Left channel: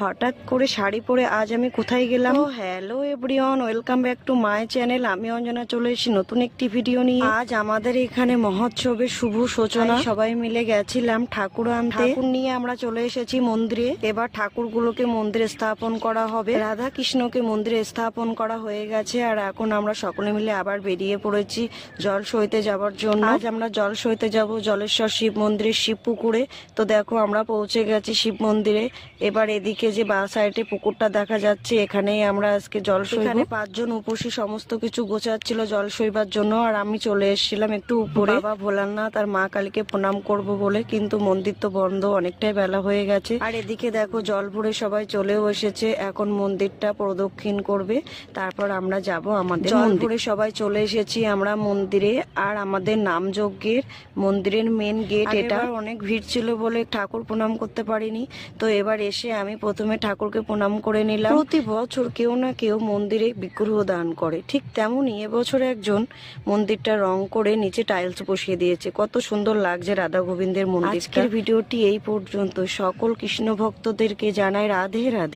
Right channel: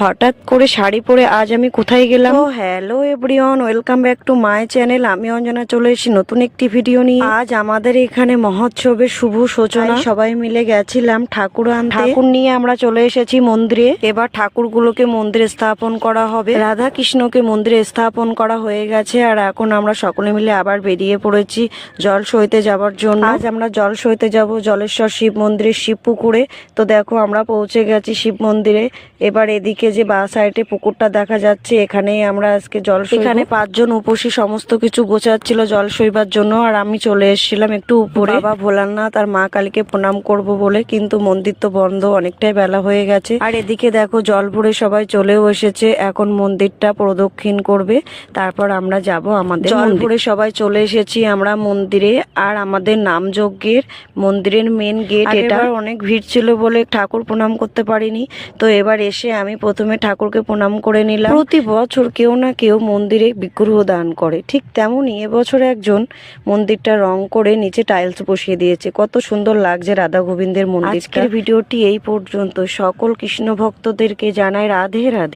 হঠাৎ করে শাড়ি পরে আজ আমি কোথায় গেলাম? তো hello everyone, welcome back to my channel. আমি অঞ্জনা চলে এসেছি নতুন একটি ভিডিও নিয়ে। আজ আমাদের এখানে মহোৎসবের শুভ সূচনা। সবাই মিলে গেছিলাম ঠাকুর আনতে। ঠাকুর নিয়ে আমরা চলে এসেছি মন্দিরে। এবার ঠাকুরগুলোকে মন্দিরে স্থাপন করা হবে। রাধা কৃষ্ণকে মন্দিরে স্থাপন করা হয়ে গেছে, আর এখন আমরা সকলে মিলে আবার বেরিয়ে পড়েছি জল সইতে যাওয়ার জন্য। আজ আমরা জল সইতে যাব জলেশ্বর শিব মন্দিরে, শিব পুকুরে। তো দেখো আমরা পৌঁছে গেছি শিব মন্দিরে। এবার এদিকে যে বা সাইডে পুকুরটা দেখা যাচ্ছে, এখানেই আমরা আজকে জল সইব। এখানে 5 জন উপসী সমস্ত কিছু গোছাচ্ছিল জল সইবার জন্য, আর আমি চলে এসেছিলাম একটু উপরে বাবা ভোলানাথ আর মা কালীকে প্রণাম করব বলে। কিন্তু মন্দির তো বন্ধ, অনেকটাই বেলা হয়ে গেছে। আর এদিকে দেখো জল ভরে সবাই চলেও এসেছে, এখন মন্দিরটা প্রদক্ষিণ করবে, তারপর আমরা যাব আমাদের জল ভরে সবাই চলে এসেছি আমরা মন্দিরে। আর আমাদের নামযজ্ঞের মন্দিরের মেন গেট এটা। অনেক ভিড় ছিল বলে ঠাকুর প্রণাম করতে পারিনি। তো এবার এসে আমি প্রথমে ঠাকুরকে প্রণাম করে নিলাম। প্রতি বছর কেউ না কেউ মন্দিরে বিগ্রহ দান করে, ঠিক তেমনই এবছর একজন মন্দিরটা রং করে নিচে টাইলস বসিয়ে দিয়েছে। কত সুন্দর লাগছে রাধা গোবিন্দের মন্দির। আজকের ভিডিওটি এই পর্যন্ত। সকল কৃষ্ণ ভক্তদেরকে জানাই রাধে রাধে।